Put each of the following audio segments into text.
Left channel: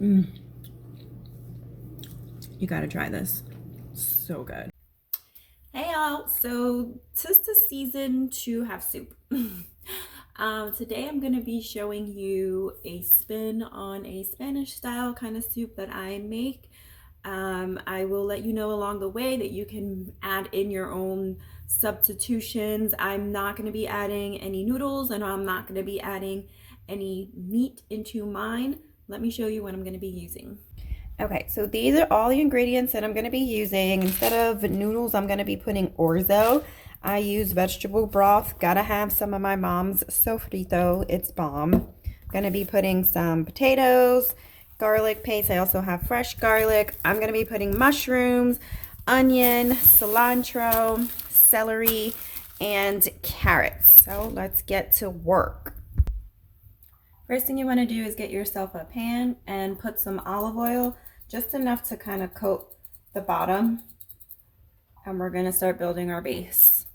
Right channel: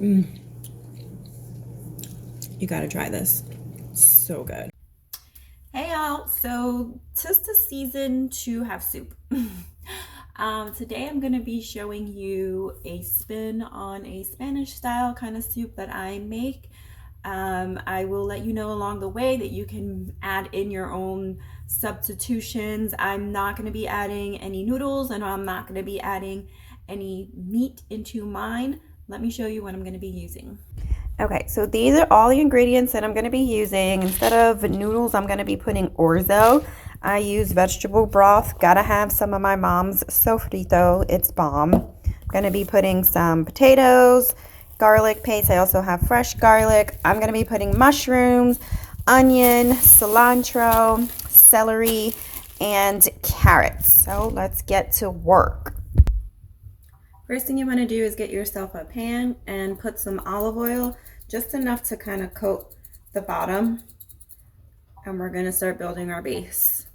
You gotta try this. So good. Hey y'all, so 'tis the season to have soup. Today I'm gonna be showing you a spin on a Spanish style kind of soup that I make. I will let you know along the way that you can add in your own substitutions. I'm not gonna be adding any noodles and I'm not gonna be adding any meat into mine. Let me show you what I'm gonna be using. Okay, so these are all the ingredients that I'm going to be using. Instead of noodles, I'm going to be putting orzo. I use vegetable broth. Gotta have some of my mom's sofrito. It's bomb. I'm going to be putting some potatoes, garlic paste. I also have fresh garlic. I'm going to be putting mushrooms, onion, cilantro, celery, and carrots. So let's get to work. First thing you want to do is get yourself a pan and put some olive oil, just enough to kind of coat the bottom. And we're going to start building our base.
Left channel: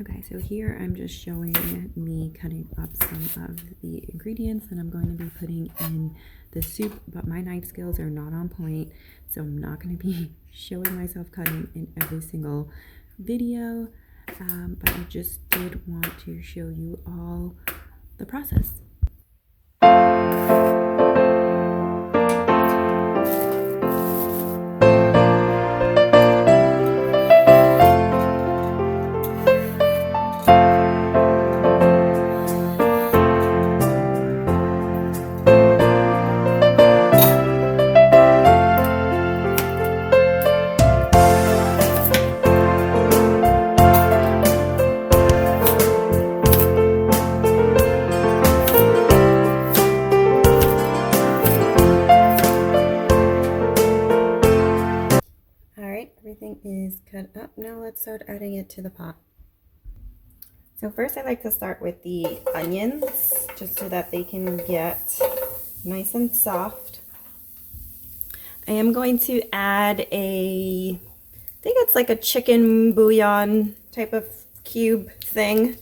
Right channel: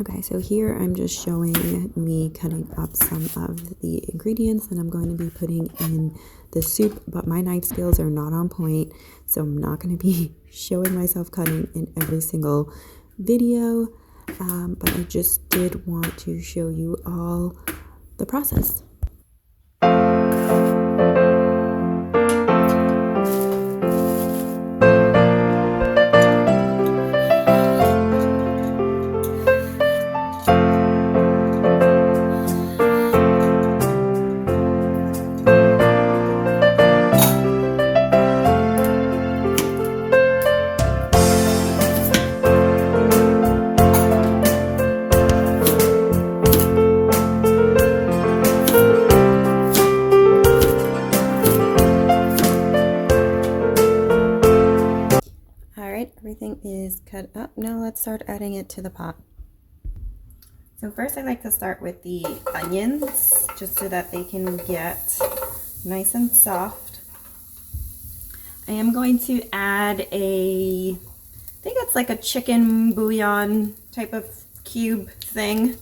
Okay, so here I'm just showing me cutting up some of the ingredients that I'm going to be putting in the soup, but my knife skills are not on point, so I'm not going to be showing myself cutting in every single video, but I just did want to show you all the process. Everything is cut up. Now let's start adding it to the pot. So first I like to start with the onions, just so that they can get nice and soft. I am going to add I think it's like a chicken bouillon type of cube thing.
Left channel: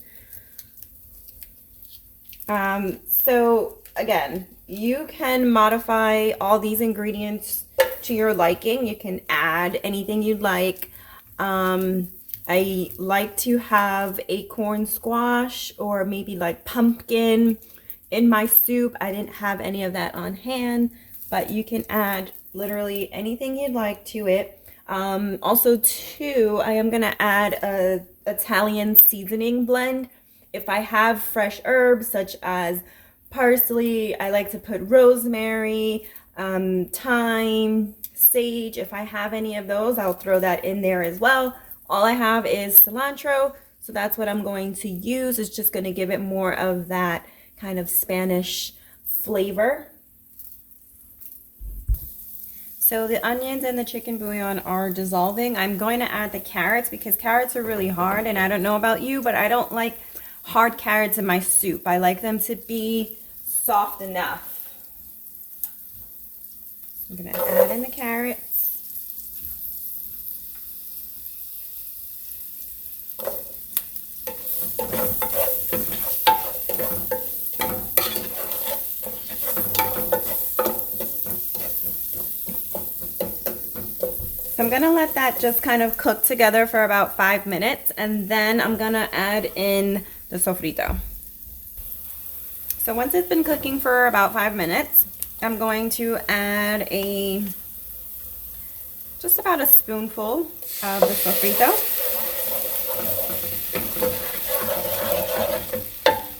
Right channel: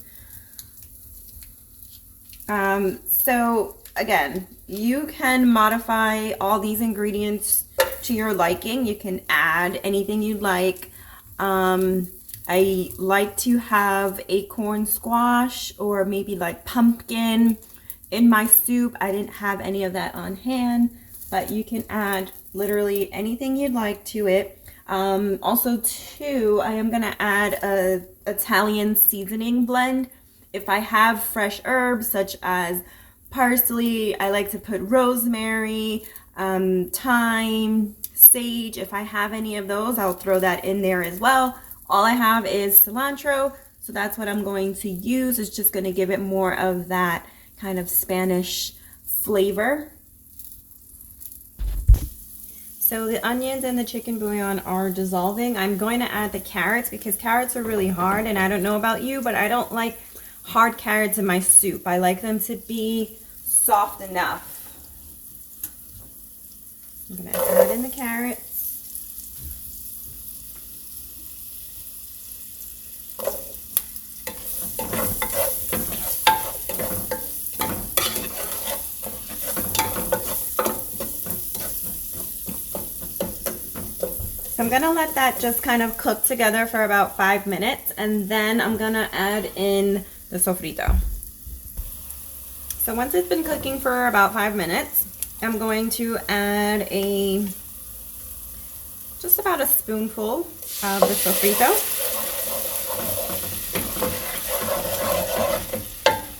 So again, you can modify all these ingredients to your liking. You can add anything you'd like. I like to have acorn squash or maybe like pumpkin in my soup. I didn't have any of that on hand, but you can add literally anything you'd like to it. Also too, I am gonna add a Italian seasoning blend. If I have fresh herbs such as parsley, I like to put rosemary, thyme, sage. If I have any of those, I'll throw that in there as well. All I have is cilantro, so that's what I'm going to use. It's just going to give it more of that kind of Spanish flavor. So the onions and the chicken bouillon are dissolving. I'm going to add the carrots because carrots are really hard, and I don't know about you, but I don't like hard carrots in my soup. I like them to be soft enough. I'm going to add in the carrots. So I'm going to let that just kind of cook together for about 5 minutes, and then I'm going to add in the sofrito. So once it's been cooking for about 5 minutes, I'm going to add just about a spoonful of the sofrito.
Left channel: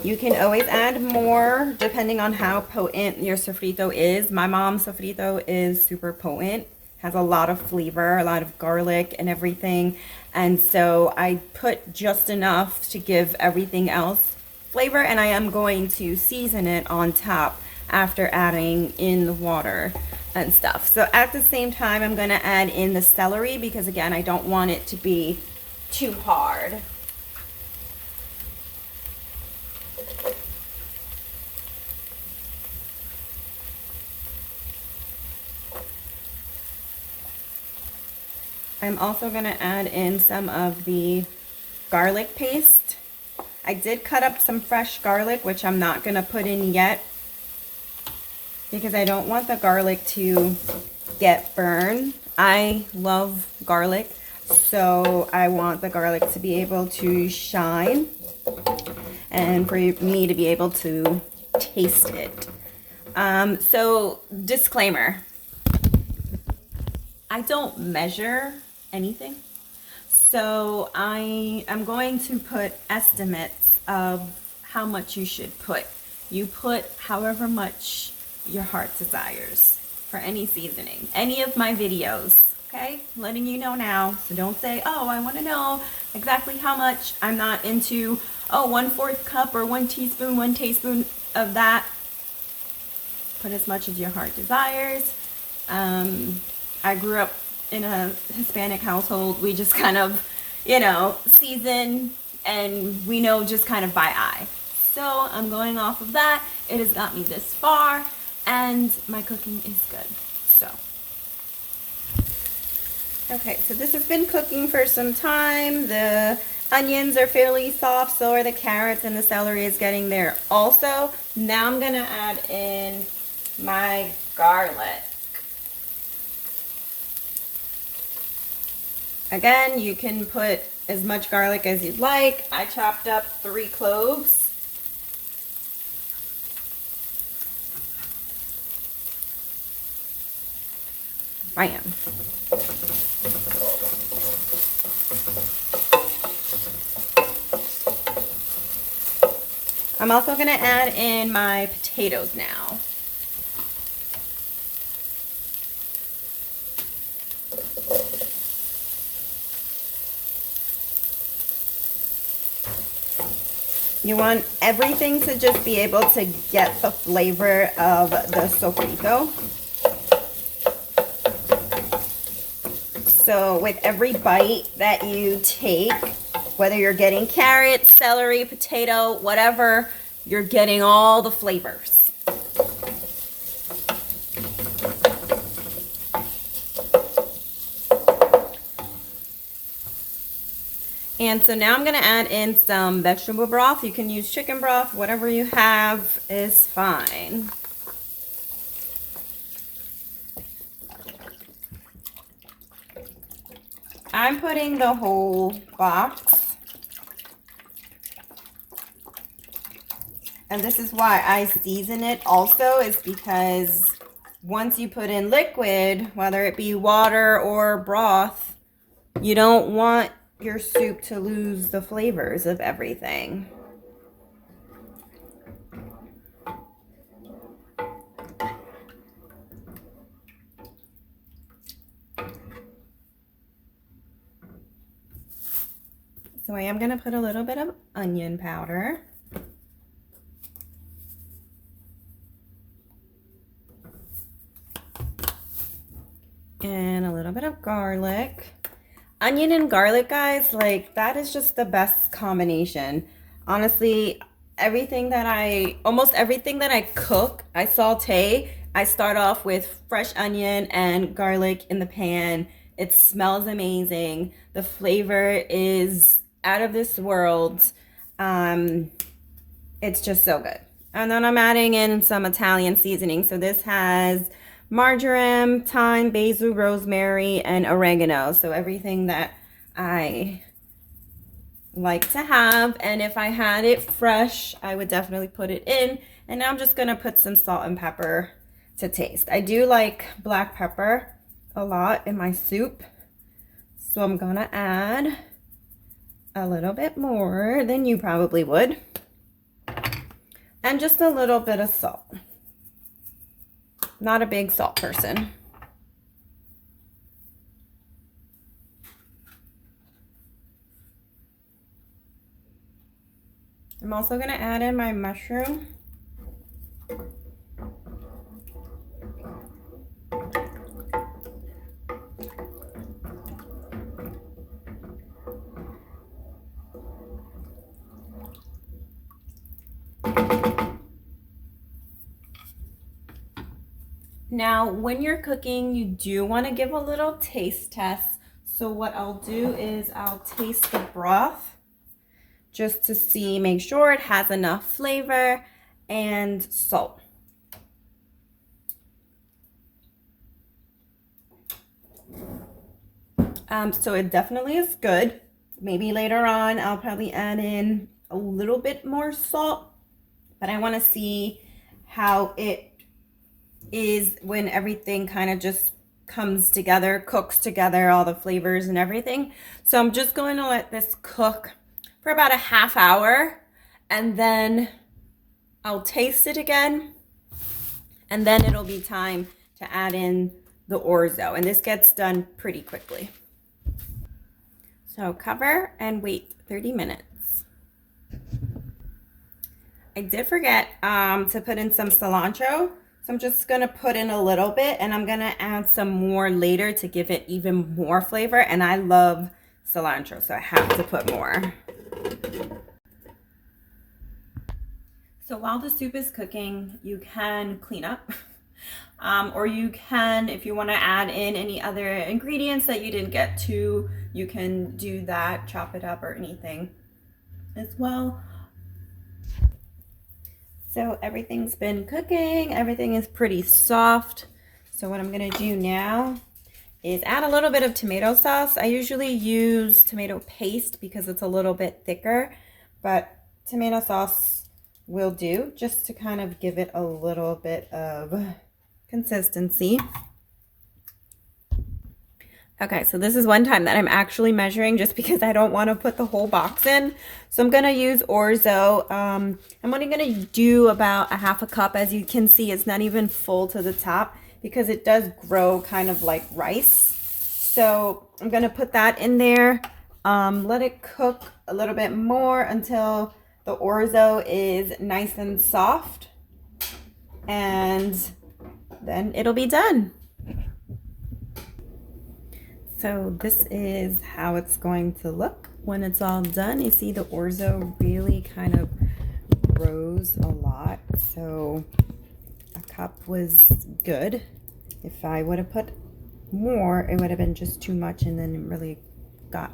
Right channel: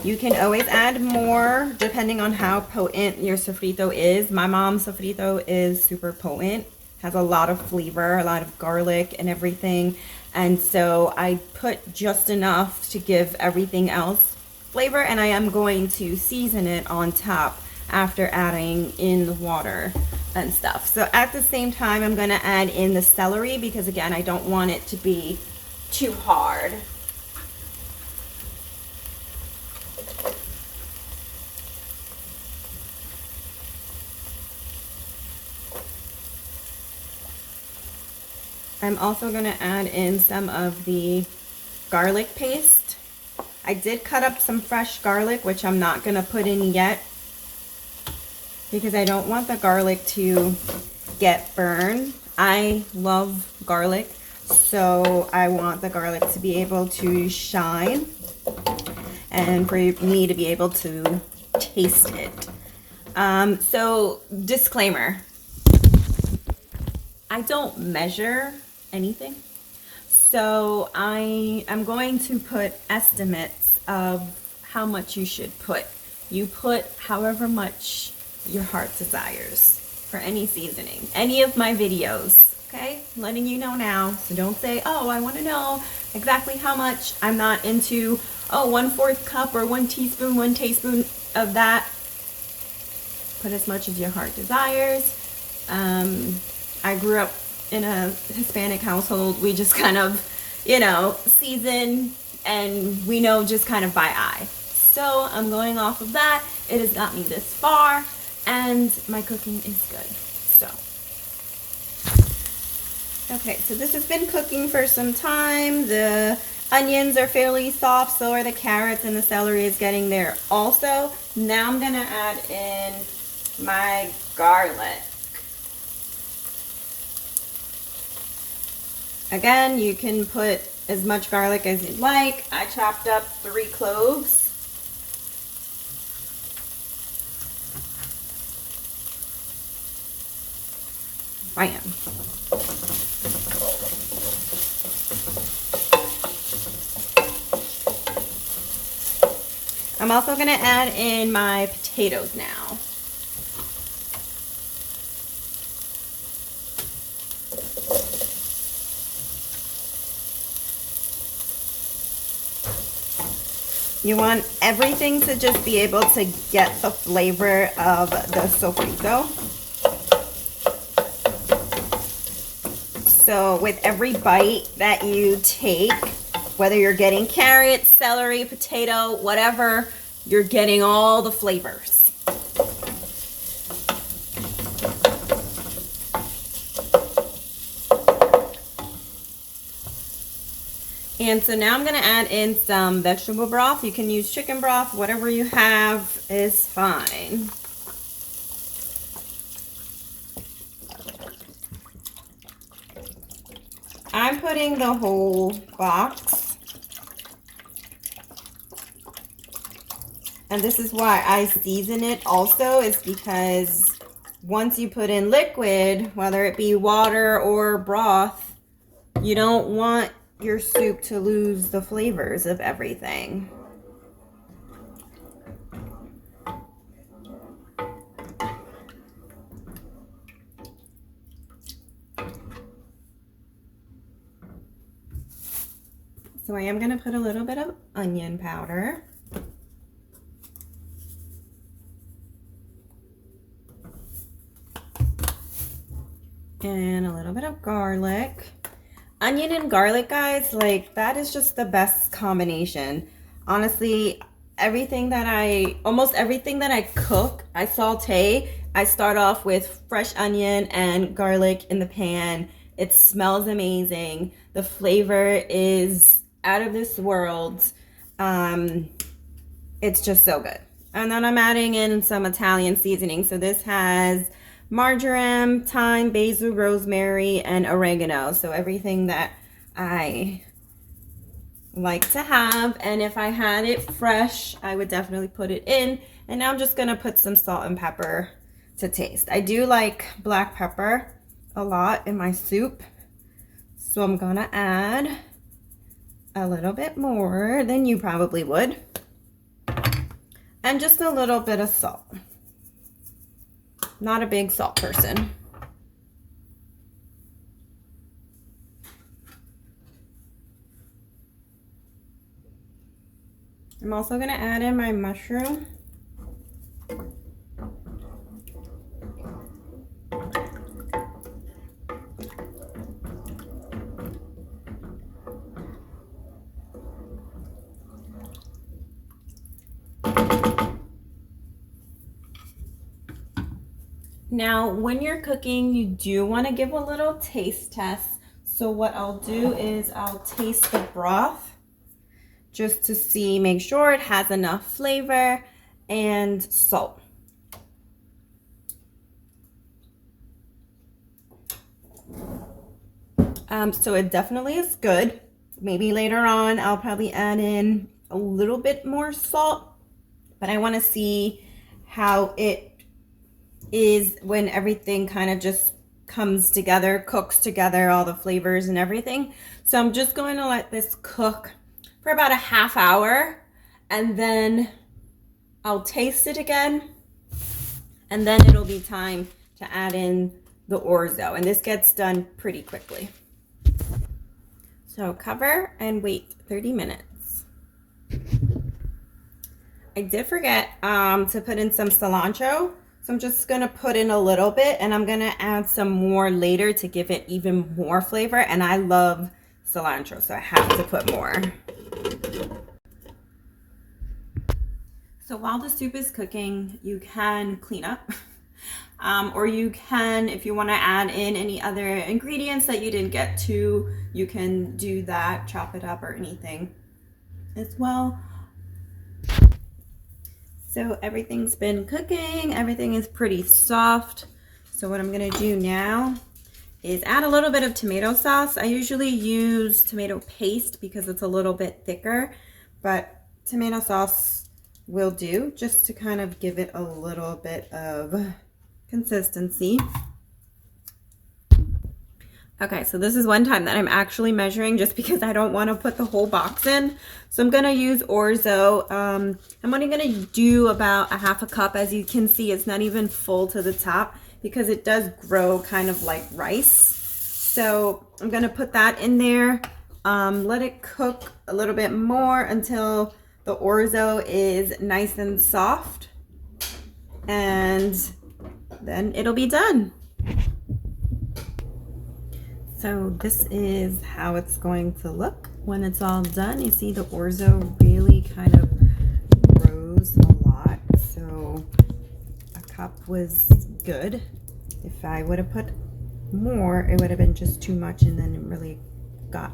You can always add more depending on how potent your sofrito is. My mom's sofrito is super potent, has a lot of flavor, a lot of garlic and everything. And so I put just enough to give everything else flavor, and I am going to season it on top after adding in the water and stuff. So at the same time, I'm going to add in the celery because again, I don't want it to be too hard. I'm also going to add in some of the garlic paste. I did cut up some fresh garlic, which I'm not going to put in yet. because I don't want the garlic to get burned. I love garlic, so I want the garlic to be able to shine and for me to be able to taste it. So disclaimer, I don't measure anything. So I'm going to put estimates of how much you should put. You put however much your heart desires for any seasoning. Any of my videos, okay? Letting you know now. So don't say, oh, I want to know exactly how much. I'm not into, oh, 1/4 cup or 1 teaspoon, 1 tablespoon of that. Put as much as your heart desires. I grew up in a Hispanic household. We just kind of, you know, season, and we know just kind of by eye. So I'm going off of that. It has got me this far, and my cooking is good. So, okay, so this has been cooking for some time. The onions are fairly soft, so are the carrots, and the celery is getting there also. Now I'm gonna add in my garlic. Again, you can put as much garlic as you'd like. I chopped up 3 cloves. Bam. I'm also going to add in my potatoes now. You want everything to just be able to get the flavor of the sofrito. So with every bite that you take, whether you're getting carrots, celery, potato, whatever, you're getting all the flavors. And so now I'm going to add in some vegetable broth. You can use chicken broth, whatever you have is fine. I'm putting the whole box. And this is why I season it also, is because once you put in liquid, whether it be water or broth, you don't want your soup to lose the flavors of everything. So I am going to put a little bit of onion powder. And a little bit of garlic. Onion and garlic, guys, like that is just the best combination. Honestly, almost everything that I cook, I saute, I start off with fresh onion and garlic in the pan. It smells amazing. The flavor is out of this world. It's just so good. And then I'm adding in some Italian seasoning. So this has marjoram, thyme, basil, rosemary, and oregano. So everything that I like to have. And if I had it fresh, I would definitely put it in. And now I'm just going to put some salt and pepper to taste. I do like black pepper a lot in my soup. So I'm going to add a little bit more than you probably would. And just a little bit of salt. Not a big salt person. I'm also going to add in my mushroom. Now, when you're cooking, you do want to give a little taste test. So what I'll do is I'll taste the broth just to see, make sure it has enough flavor and salt. So it definitely is good. Maybe later on I'll probably add in a little bit more salt, but I want to see how it is when everything kind of just comes together, cooks together, all the flavors and everything. So I'm just going to let this cook for about a half hour, and then I'll taste it again, and then it'll be time to add in the orzo, and this gets done pretty quickly. So cover and wait 30 minutes. I did forget to put in some cilantro, so I'm just gonna put in a little bit, and I'm gonna add some more later to give it even more flavor. And I love cilantro, so I have to put more. So while the soup is cooking, you can clean up. Or you can, if you want to add in any other ingredients that you didn't get to, you can do that, chop it up or anything as well. So everything's been cooking, everything is pretty soft. So what I'm going to do now is add a little bit of tomato sauce. I usually use tomato paste because it's a little bit thicker, but tomato sauce will do just to kind of give it a little bit of consistency. Okay, so this is one time that I'm actually measuring just because I don't want to put the whole box in. So I'm going to use orzo. I'm only going to do about a half a cup. As you can see, it's not even full to the top because it does grow kind of like rice. So I'm going to put that in there. Let it cook a little bit more until the orzo is nice and soft. And then it'll be done. So this is how it's going to look when it's all done. You see the orzo really kind of grows a lot. So a cup was good. If I would have put more, it would have been just too much, and then it really got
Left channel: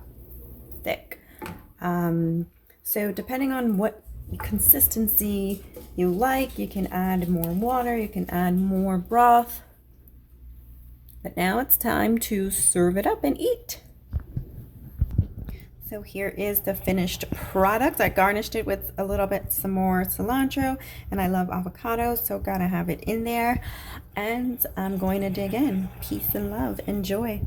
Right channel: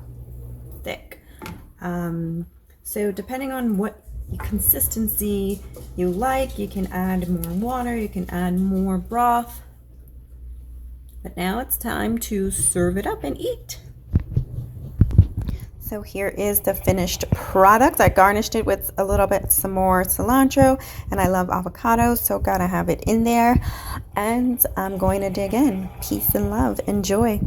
thick. So depending on what consistency you like, you can add more water, you can add more broth. But now it's time to serve it up and eat. So here is the finished product. I garnished it with a little bit some more cilantro, and I love avocado, so gotta have it in there. And I'm going to dig in. Peace and love. Enjoy.